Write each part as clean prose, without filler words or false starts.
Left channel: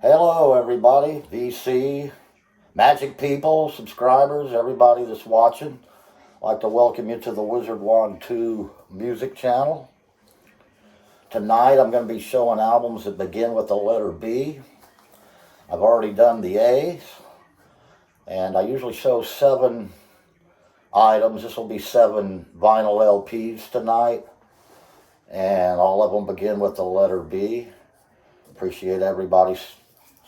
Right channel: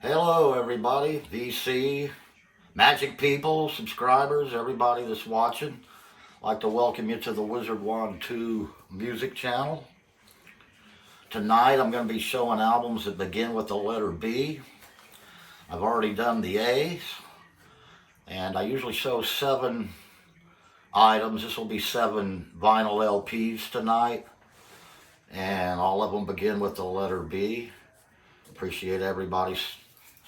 Hello, everybody, VC, Magic people, subscribers, everybody that's watching. I'd like to welcome you to the Wizard Wand 2 music channel. Tonight I'm going to be showing albums that begin with the letter B. I've already done the A's, and I usually show 7 items. This will be 7 vinyl LPs tonight, and all of them begin with the letter B. Appreciate everybody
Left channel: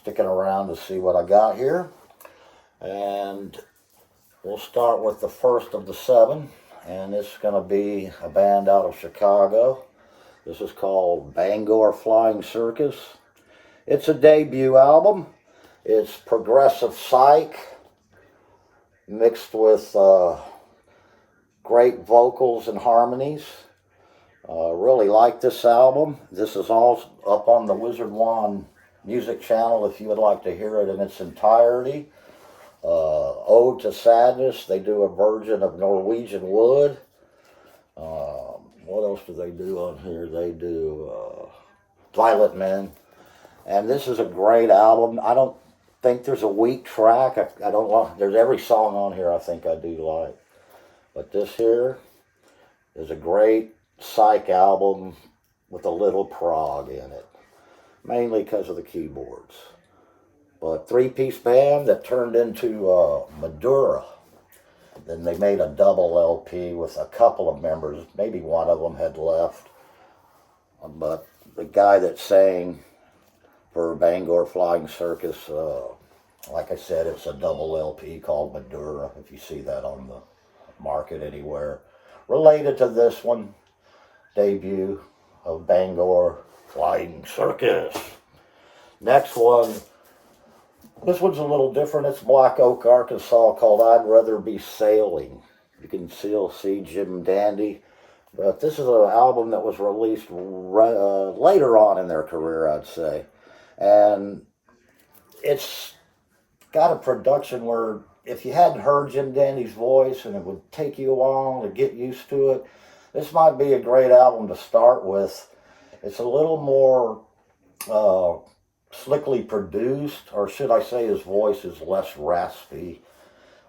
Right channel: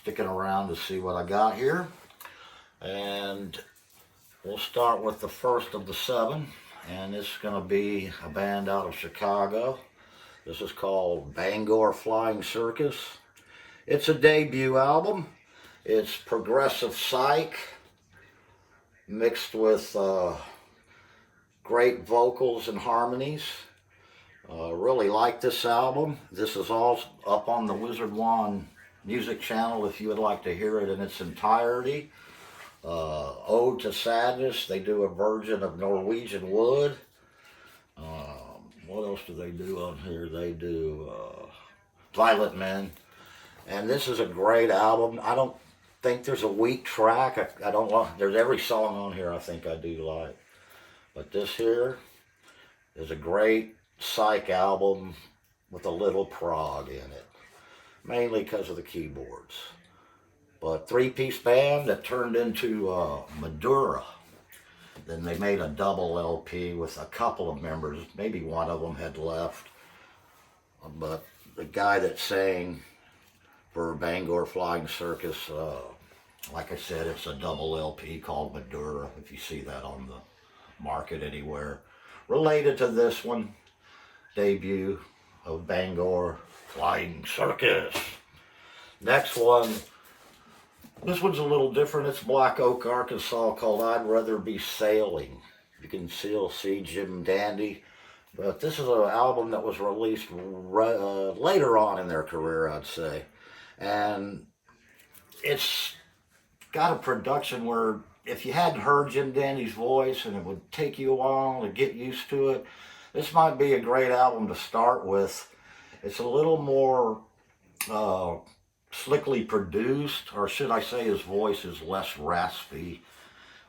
sticking around to see what I got here. And we'll start with the first of the 7, and it's going to be a band out of Chicago. This is called Bangor Flying Circus. It's a debut album. It's progressive psych mixed with great vocals and harmonies. Really like this album. This is all up on the Wizard Wand music channel if you would like to hear it in its entirety. Ode to Sadness, they do a version of Norwegian Wood. What else do they do on here? They do Violent Men. And this is a great album. I don't think there's a weak track. I don't like, there's every song on here I think I do like. But this here is a great psych album with a little prog in it, mainly because of the keyboards. But 3-piece band that turned into Madura. Then they made a double LP with a couple of members. Maybe one of them had left. But the guy that sang for Bangor Flying Circus, like I said, it's a double LP called Madura, if you see that on the market anywhere. Related to this one, debut of Bangor Flying Circus. Next one, this one's a little different. It's Black Oak, Arkansas, called I'd Rather Be Sailing. You can still see Jim Dandy, but this is an album that was released later on in their career, I'd say. And it's got a production where if you hadn't heard Jim Dandy's voice and it would take you a while to get used to it, this might be a great album to start with. It's a little more slickly produced, or should I say his voice is less raspy,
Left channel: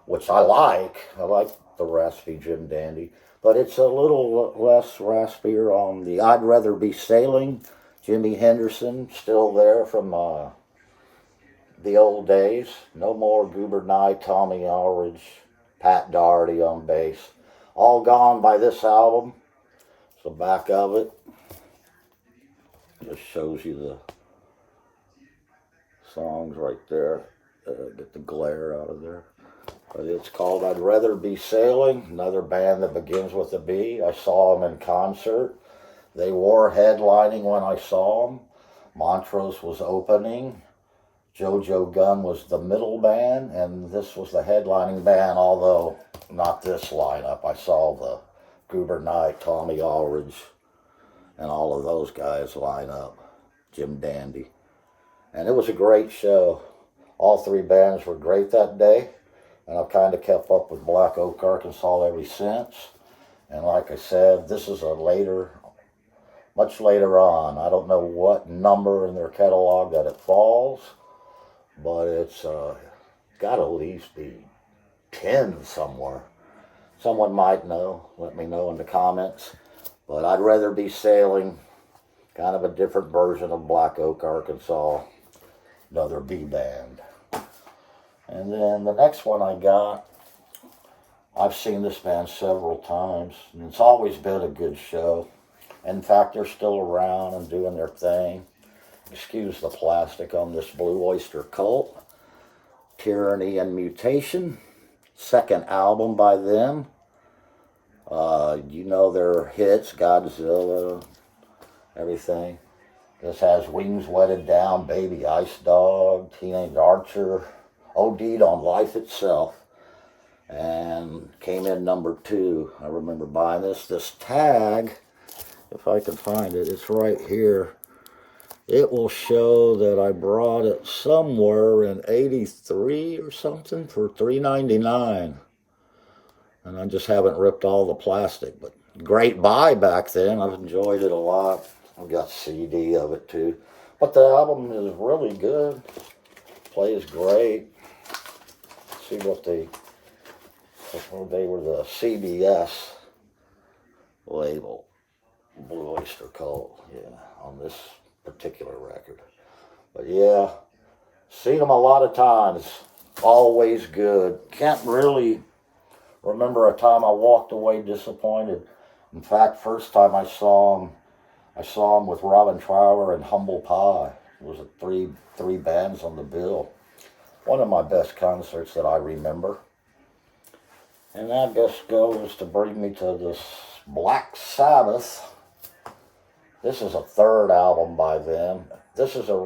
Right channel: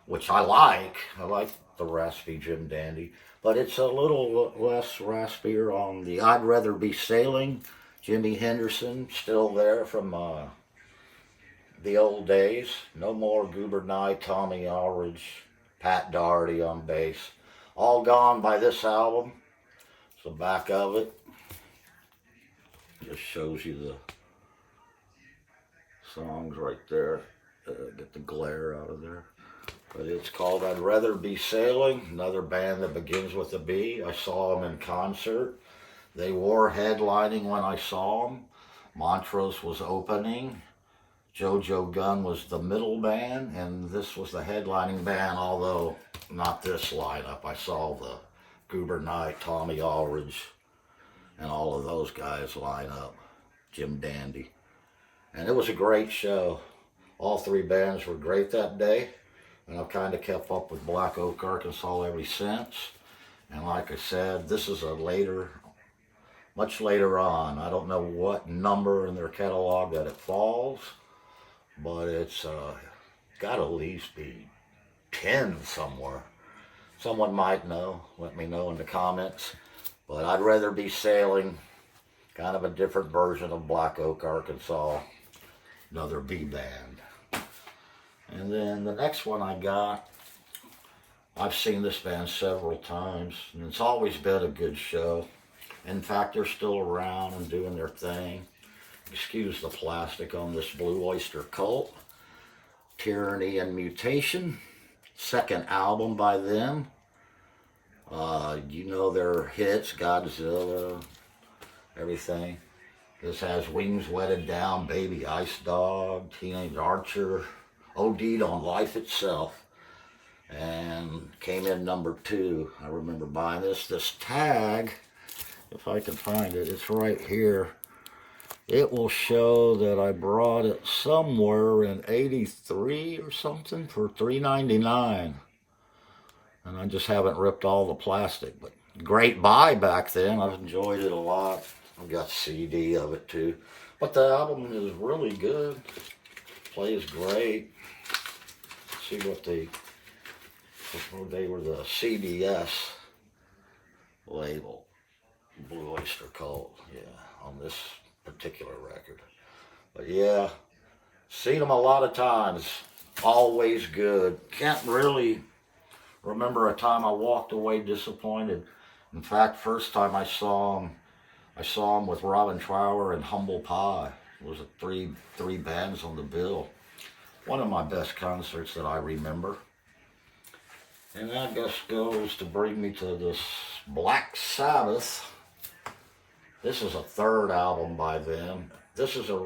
which I like. I like the raspy Jim Dandy, but it's a little less raspier on the I'd Rather Be Sailing. Jimmy Henderson, still there from the old days. No more Goober Nye, Tommy Aldridge, Pat Doherty on bass. All gone by this album. It's the back of it. Just shows you the songs right there. Get the glare out of there. But it's called I'd Rather Be Sailing. Another band that begins with a B. I saw them in concert. They were headlining when I saw them. Montrose was opening. JoJo Gunn was the middle band, and this was the headlining band, although not this lineup. I saw the Goober Knight, Tommy Aldridge, and all of those guys line up. Jim Dandy. And it was a great show. All 3 bands were great that day, and I've kind of kept up with Black Oak, Arkansas ever since. And like I said, this is a much later on. I don't know what number in their catalog that it falls, but it's got to at least be 10 somewhere. Someone might know. Let me know in the comments. But I'd Rather Be Sailing, kind of a different version of Black Oak, Arkansas. Another B band. And then the next one I got, I've seen this band several times, and it's always been a good show. In fact, they're still around and doing their thing. Excuse the plastic on this Blue Oyster Cult. Tyranny and Mutation. 2nd album by them. You know their hits, Godzilla, everything. This has Wings Wetted Down, Baby Ice Dog, Teenage Archer, OD'd on Life Itself, and came in number 2. I remember buying this. This tag, if I can find it, it's right here. It will show that I brought it somewhere in '83 or something for $3.99. And I just haven't ripped all the plastic, but great buy back then. I've enjoyed it a lot. I've got CD of it too. But the album is really good. Plays great. See what they were the CBS label, Blue Oyster Cult, yeah, on this particular record. But yeah, seen them a lot of times. Always good. Can't really remember a time I walked away disappointed. In fact, first time I saw them with Robin Trower and Humble Pie. It was three bands on the bill. One of my best concerts that I remember. And that just goes to bring me to this Black Sabbath. This is a third album by them. This is a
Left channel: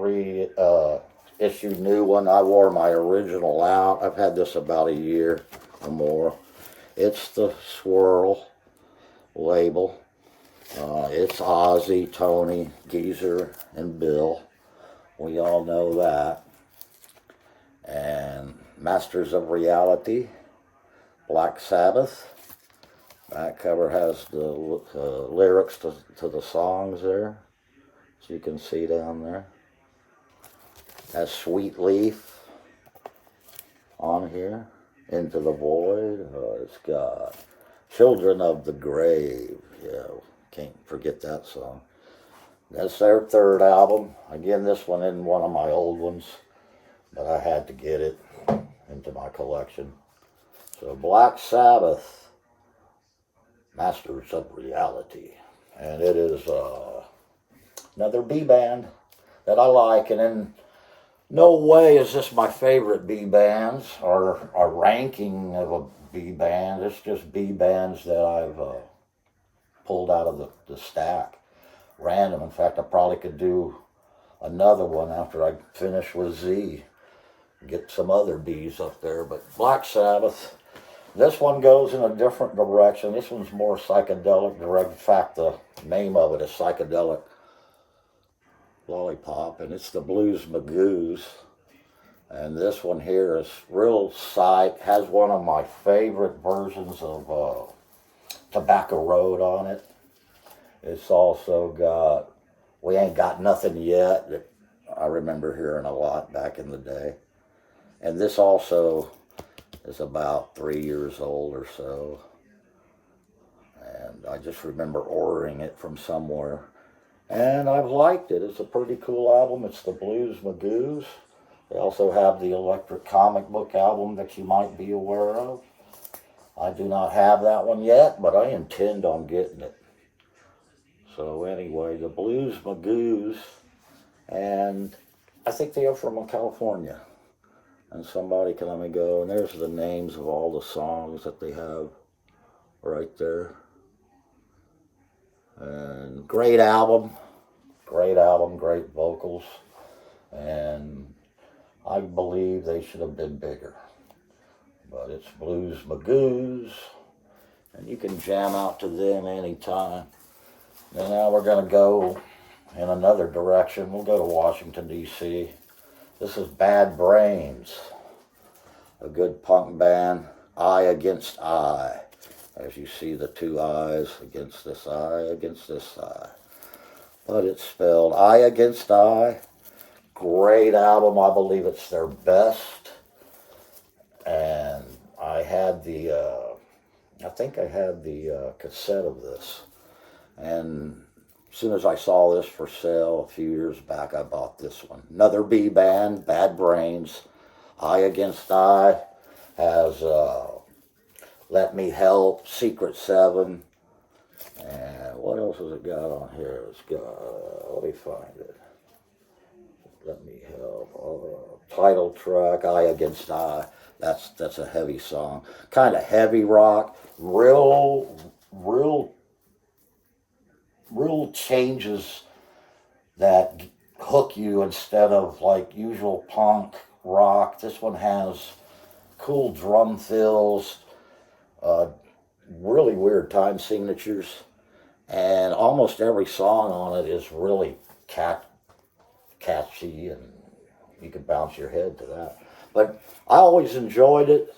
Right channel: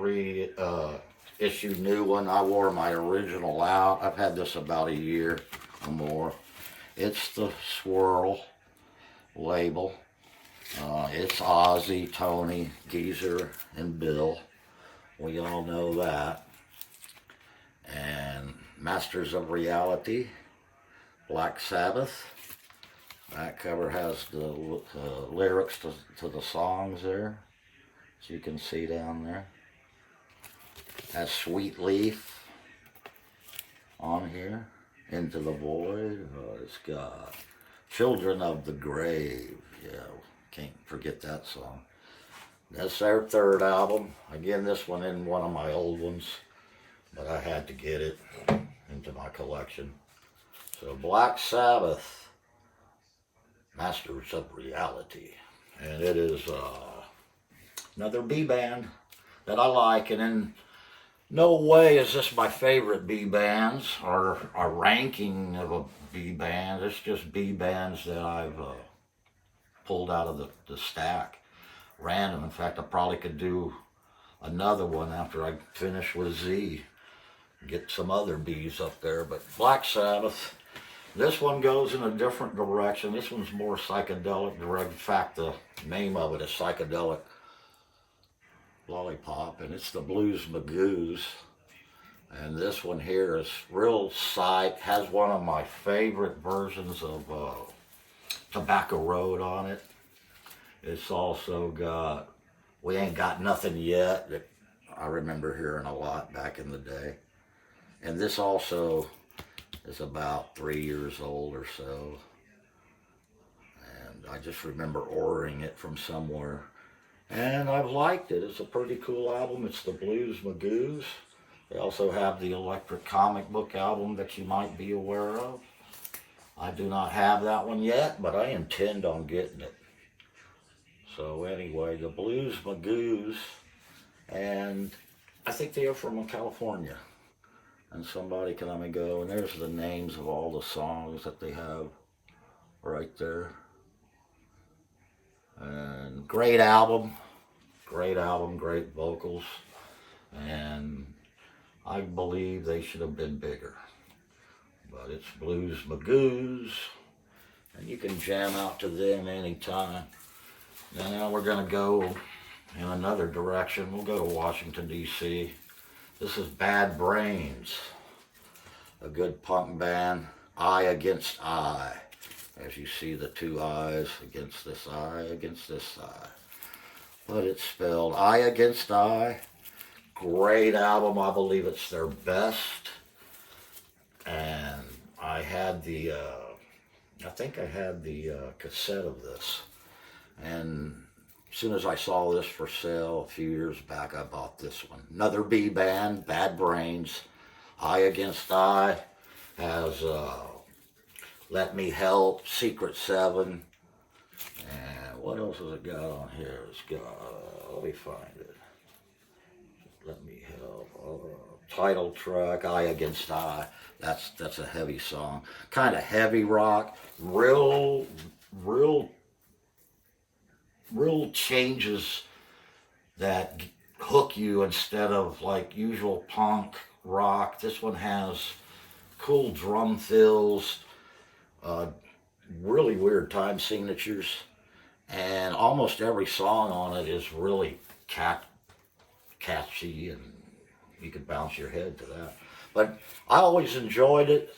reissue new one. I wore my original out. I've had this about a year or more. It's the Swirl label. It's Ozzy, Tony, Geezer, and Bill. We all know that. And Masters of Reality, Black Sabbath. That cover has the lyrics to the songs there, as you can see down there. Has Sweet Leaf on here, Into the Void. It's got Children of the Grave. Yeah, can't forget that song. That's their third album. Again, this one isn't one of my old ones, but I had to get it into my collection. So Black Sabbath, Masters of Reality. And it is another B band that I like. And in no way is this my favorite B bands or a ranking of a B band. It's just B bands that I've pulled out of the stack. Random. In fact, I probably could do another one after I finish with Z. Get some other B's up there. But Black Sabbath, this one goes in a different direction. This one's more psychedelic direct. In fact, the name of it is Psychedelic Lollipop, and it's the Blues Magoos. And this one here is real psych. Has one of my favorite versions of Tobacco Road on it. It's also got We Ain't Got Nothing Yet, that I remember hearing a lot back in the day. And this also is about 3 years old or so. And I just remember ordering it from somewhere. And I've liked it. It's a pretty cool album. It's the Blues Magoos. They also have the Electric Comic Book album that you might be aware of. I do not have that one yet, but I intend on getting it. So anyway, the Blues Magoos, and I think they are from California. And somebody can let me go, and there's the names of all the songs that they have right there. And great album, great vocals, and I believe they should have been bigger. But it's Blues Magoos, and you can jam out to them anytime. And now we're going to go in another direction. We'll go to Washington, D.C. This is Bad Brains, a good punk band, Eye Against Eye. As you see the two eyes against this eye. But it's spelled Eye Against Eye. Great album. I believe it's their best. And I had I think I had the cassette of this. And as soon as I saw this for sale a few years back, I bought this one. Another B band, Bad Brains. Eye Against Eye has Let Me Help, Secret 7. And what else has it got on here? It's got, let me find it. Let Me Help. Title track, Eye Against Eye. That's a heavy song. Kind of heavy rock. Real changes that hook you instead of like usual punk rock. This one has cool drum fills, really weird time signatures, and almost every song on it is really catchy, and you could bounce your head to that. But I always enjoyed it.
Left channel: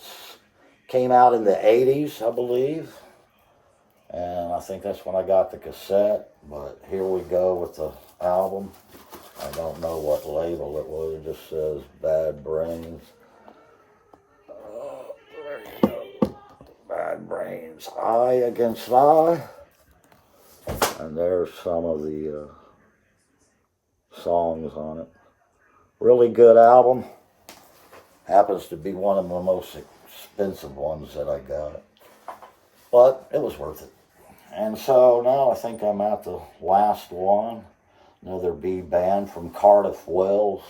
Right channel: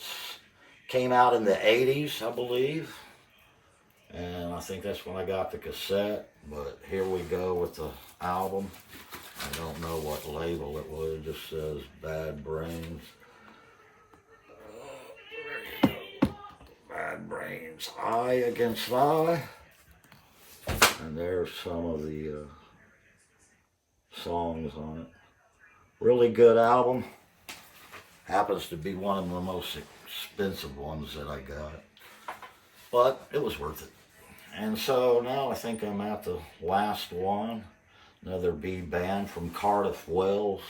Came out in the 80s, I believe. And I think that's when I got the cassette. But here we go with the album. I don't know what label it was. It just says Bad Brains. There you go. Bad Brains. Eye Against Eye. And there's some of the songs on it. Really good album. Happens to be one of the most expensive ones that I got. But it was worth it. And so now I think I'm at the last one. Another B band from Cardiff, Wales.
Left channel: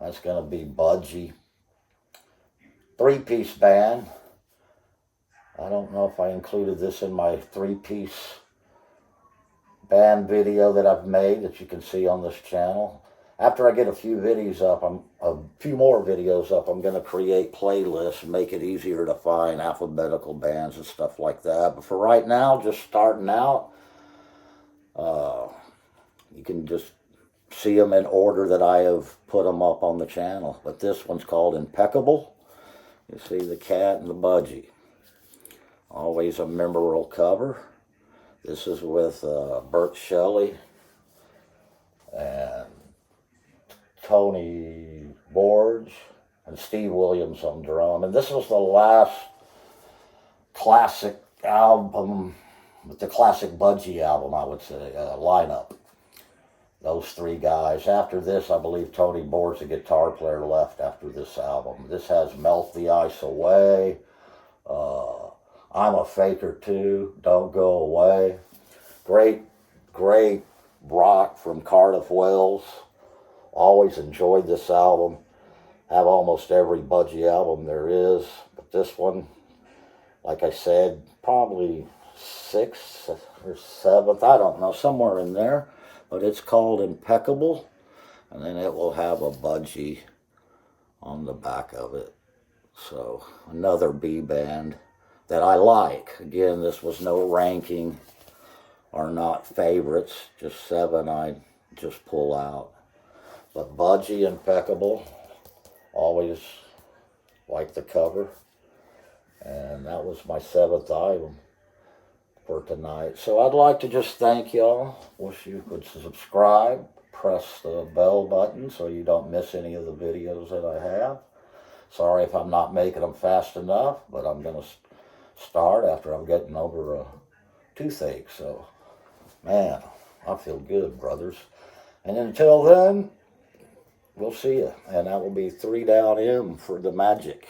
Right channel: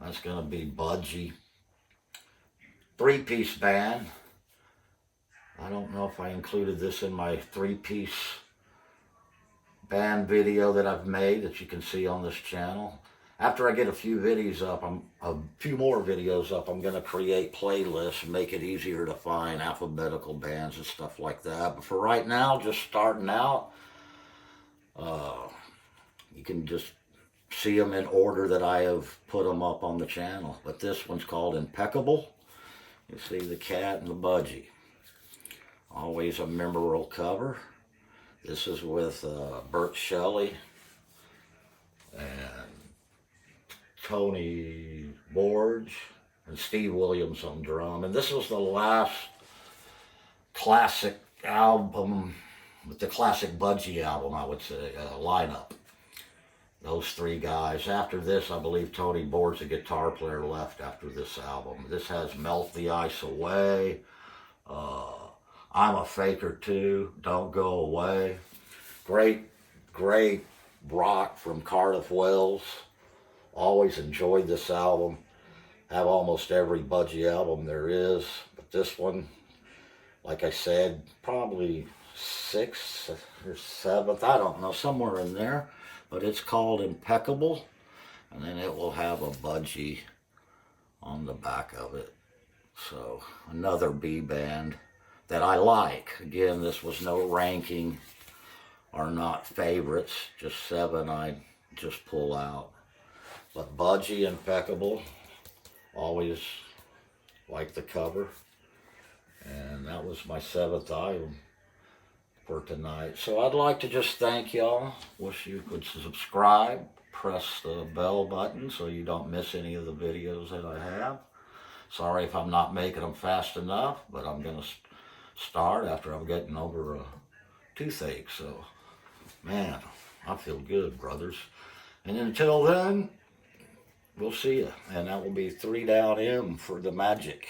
That's going to be Budgie. 3-piece band. I don't know if I included this in my 3-piece band video that I've made that you can see on this channel. After I get a few videos up, a few more videos up, I'm going to create playlists and make it easier to find alphabetical bands and stuff like that. But for right now, just starting out, you can just see them in order that I have put them up on the channel. But this one's called Impeccable. You see the cat and the budgie. Always a memorable cover. This is with Bert Shelley and Tony Borge and Steve Williams on drum. And this was the last classic album, the classic Budgie album, I would say, lineup. Those 3 guys. After this, I believe Tony Borge, the guitar player, left after this album. This has Melt the Ice Away, I'm a Faker Too, Don't Go Away. Great, great rock from Cardiff, Wales. Always enjoyed this album. Have almost every Budgie album there is. But this one, like I said, probably 6th or 7th. I don't know, somewhere in there. But it's called Impeccable. And then it will have a Budgie on the back of it. So another B band that I like. Again, this was no ranking or not favorites. Just 7 I just pull out. But Budgie, Impeccable, always like the cover. And that was my 7th item for tonight. So I'd like to just thank y'all. Wish you could subscribe. Press the bell button so you don't miss any of the videos that I have. Sorry if I'm not making them fast enough, but I'm going to start after I'm getting over a toothache. So, man, I feel good, brothers. And until then, we'll see you, and that will be 3 down M for the magic.